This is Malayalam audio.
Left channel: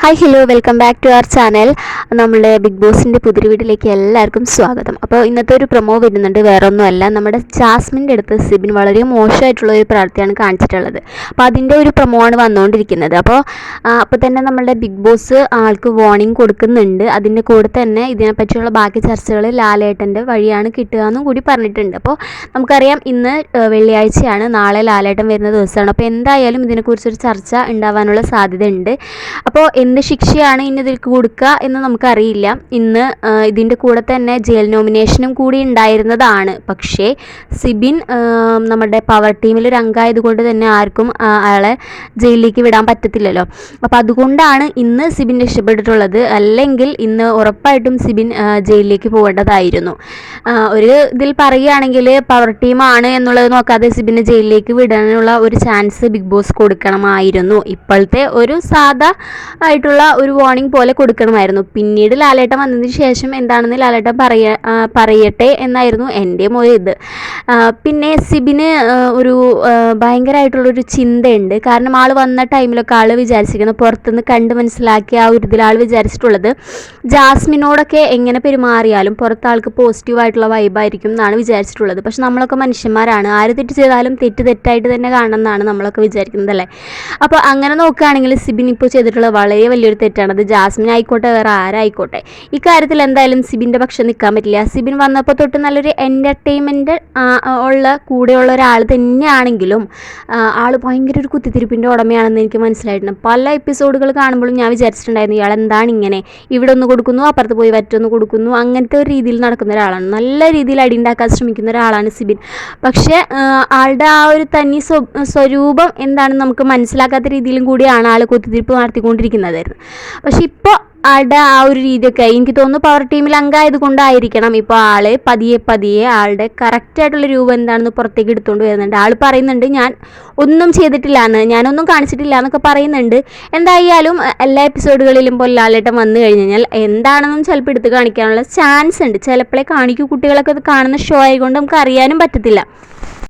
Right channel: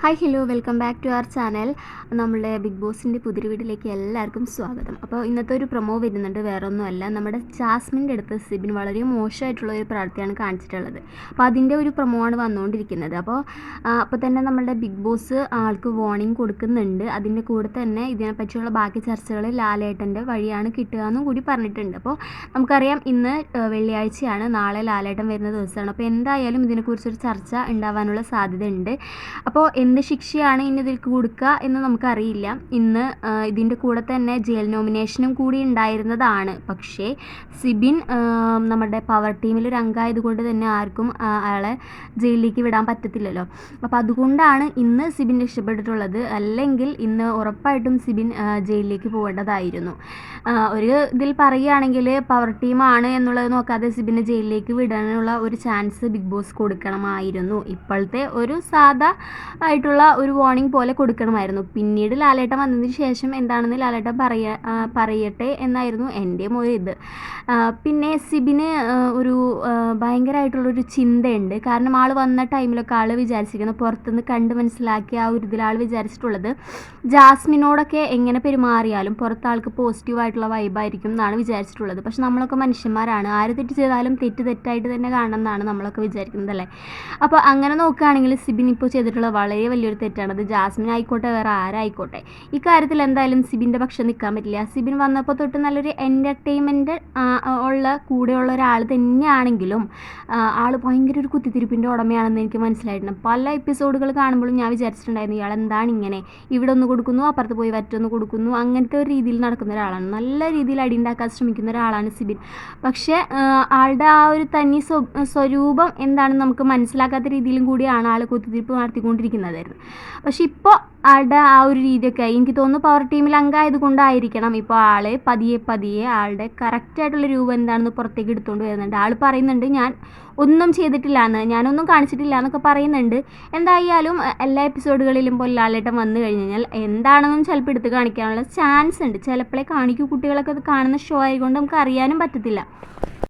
Hi hello welcome back to our channel നമ്മുടെ ബിഗ് ബോസിന്റെ പുതിരി വീട്ടിലേക്ക് എല്ലാവർക്കും സ്വാഗതം. അപ്പോൾ ഇന്നത്തെ ഒരു പ്രൊമോ വരുന്നുണ്ട് വേറൊന്നുമല്ല. നമ്മുടെ ജാസ്മിന്റെ അടുത്ത് സിബിൻ വളരെ മോശമായിട്ടുള്ള ഒരു പ്രവൃത്തിയാണ് കാണിച്ചിട്ടുള്ളത്. അപ്പോൾ അതിന്റെ ഒരു പ്രൊമോ ആണ് വന്നുകൊണ്ടിരിക്കുന്നത്. അപ്പോൾ അപ്പോൾ തന്നെ നമ്മുടെ ബിഗ് ബോസ് ആൾക്ക് വാർണിംഗ് കൊടുക്കുന്നുണ്ട്. അതിന്റെ കൂടെ തന്നെ ഇതിനെപ്പറ്റിയുള്ള ബാക്കി ചർച്ചകൾ ലാലേട്ടന്റെ വഴിയാണ് കിട്ടുക എന്നും കൂടി പറഞ്ഞിട്ടുണ്ട്. അപ്പോൾ നമുക്കറിയാം ഇന്ന് വെള്ളിയാഴ്ചയാണ്. നാളെ ലാലേട്ടൻ വരുന്ന ദിവസമാണ്. അപ്പോൾ എന്തായാലും ഇതിനെക്കുറിച്ചൊരു ചർച്ച ഉണ്ടാവാനുള്ള സാധ്യതയുണ്ട്. അപ്പോൾ എന്ത് ശിക്ഷയാണ് ഇനി ഇതിൽ കൊടുക്കുക എന്ന് നമുക്കറിയില്ല. ഇന്ന് ഇതിന്റെ കൂടെ തന്നെ ജയിൽ നോമിനേഷനും കൂടി ഉണ്ടായിരുന്നതാണ്. പക്ഷേ സിബിൻ നമ്മുടെ പവർ ടീമിൽ ഒരു അംഗമായതുകൊണ്ട് തന്നെ ആർക്കും അയാളെ ജയിലിലേക്ക് വിടാൻ പറ്റത്തില്ലല്ലോ. അപ്പോൾ അതുകൊണ്ടാണ് ഇന്ന് സിബിൻ രക്ഷപ്പെട്ടിട്ടുള്ളത്. അല്ലെങ്കിൽ ഇന്ന് ഉറപ്പായിട്ടും സിബിൻ ജയിലിലേക്ക് പോകേണ്ടതായിരുന്നു. ഒരു ഇതിൽ പറയുകയാണെങ്കിൽ പവർ ടീമാണ് എന്നുള്ളത് നോക്കാതെ സിബിനെ ജയിലിലേക്ക് വിടാനുള്ള ഒരു ചാൻസ് ബിഗ് ബോസ് കൊടുക്കണമായിരുന്നു. ഇപ്പോഴത്തെ ഒരു സാധാ ആയിട്ടുള്ള ഒരു വാർണിംഗ് പോലെ കൊടുക്കണമായിരുന്നു. പിന്നീട് ലാലേട്ടൻ വന്നതിന് ശേഷം എന്താണെന്ന് ലാലേട്ടൻ പറയ പറയട്ടെ എന്നായിരുന്നു എന്റെ ഒരു ഇത്. പിന്നെ സിബിന് ഒരു ഭയങ്കരമായിട്ടുള്ളൊരു ചിന്തയുണ്ട്. കാരണം ആൾ വന്ന ടൈമിലൊക്കെ ആൾ വിചാരിച്ചിരിക്കുന്നത് പുറത്തുനിന്ന് കണ്ട് മനസ്സിലാക്കി ആ ഒരു ഇതിൽ ആൾ വിചാരിച്ചിട്ടുള്ളത് ജാസ്മിനോടൊക്കെ എങ്ങനെ പെരുമാറിയാലും പുറത്ത് ആൾക്ക് പോസിറ്റീവായിട്ടുള്ള വൈബായിരിക്കും എന്നാണ് വിചാരിച്ചിട്ടുള്ളത്. പക്ഷെ നമ്മളൊക്കെ മനുഷ്യന്മാരാണ്. ആര് തെറ്റ് ചെയ്താലും തെറ്റ് തെറ്റായിട്ട് തന്നെ കാണണം എന്നാണ് നമ്മളൊക്കെ വിചാരിക്കുന്നത് അല്ലേ അപ്പോൾ അങ്ങനെ നോക്കുകയാണെങ്കിൽ സിബിൻ ഇപ്പോൾ ചെയ്തിട്ടുള്ള വളരെ വലിയൊരു തെറ്റാണ്. അത് ജാസ്മിൻ ആയിക്കോട്ടെ വേറെ ആരായിക്കോട്ടെ. ഇക്കാര്യത്തിൽ കാര്യത്തിൽ എന്തായാലും സിബിന്റെ പക്ഷം നിൽക്കാൻ പറ്റില്ല. സിബിൻ വന്നപ്പോൾ തൊട്ട് നല്ലൊരു എന്റർടൈൻമെന്റ് ഉള്ള കൂടെയുള്ള ഒരാൾ തന്നെയാണെങ്കിലും ആൾ ഭയങ്കര ഒരു കുത്തിത്തിരിപ്പിന്റെ ഉടമയാണെന്ന് എനിക്ക് മനസ്സിലായിട്ടുണ്ട്. പല എപ്പിസോഡുകൾ കാണുമ്പോഴും ഞാൻ വിചാരിച്ചിട്ടുണ്ടായിരുന്നു ഇയാൾ എന്താണ് ഇങ്ങനെ? ഇവിടെ ഒന്ന് കൊടുക്കുന്നു അപ്പുറത്ത് പോയി വറ്റൊന്ന് കൊടുക്കുന്നു. അങ്ങനത്തെ ഒരു രീതിയിൽ നടക്കുന്ന ഒരാളാണ്. നല്ല രീതിയിൽ അടി ഉണ്ടാക്കാൻ ശ്രമിക്കുന്ന ഒരാളാണ് സിബിൻ. പക്ഷേ ആളുടെ ആ ഒരു തനി സ്വരൂപം എന്താണെന്ന് നമുക്ക് മനസ്സിലാക്കാത്ത രീതിയിലും കൂടിയാണ് ആൾ കുത്തിത്തിരിപ്പ് നടത്തിക്കൊണ്ടിരിക്കുന്നതായിരുന്നു പക്ഷെ ഇപ്പോൾ ആളുടെ ആ ഒരു രീതിയൊക്കെ എനിക്ക് തോന്നുന്നു പവർ ടീമിൽ അംഗമായത് കൊണ്ടായിരിക്കണം ഇപ്പോൾ ആൾ പതിയെ പതിയെ ആളുടെ കറക്റ്റായിട്ടുള്ള രൂപം എന്താണെന്ന് പുറത്തേക്ക് എടുത്തുകൊണ്ട് വരുന്നുണ്ട്. ആൾ പറയുന്നുണ്ട് ഞാൻ ഒന്നും ചെയ്തിട്ടില്ല എന്ന് ഞാനൊന്നും കാണിച്ചിട്ടില്ല എന്നൊക്കെ പറയുന്നുണ്ട്. എന്തായാലും എല്ലാ എപ്പിസോഡുകളിലും പൊല്ലാലേട്ടം വന്നു കഴിഞ്ഞാൽ എന്താണെന്നും ചിലപ്പോൾ എടുത്ത് കാണിക്കാനുള്ള ചാൻസ് ഉണ്ട്. ചിലപ്പോഴേ കാണിക്കൂ കുട്ടികളൊക്കെ കാണുന്ന ഷോ ആയതുകൊണ്ട് നമുക്ക് അറിയാനും പറ്റത്തില്ല.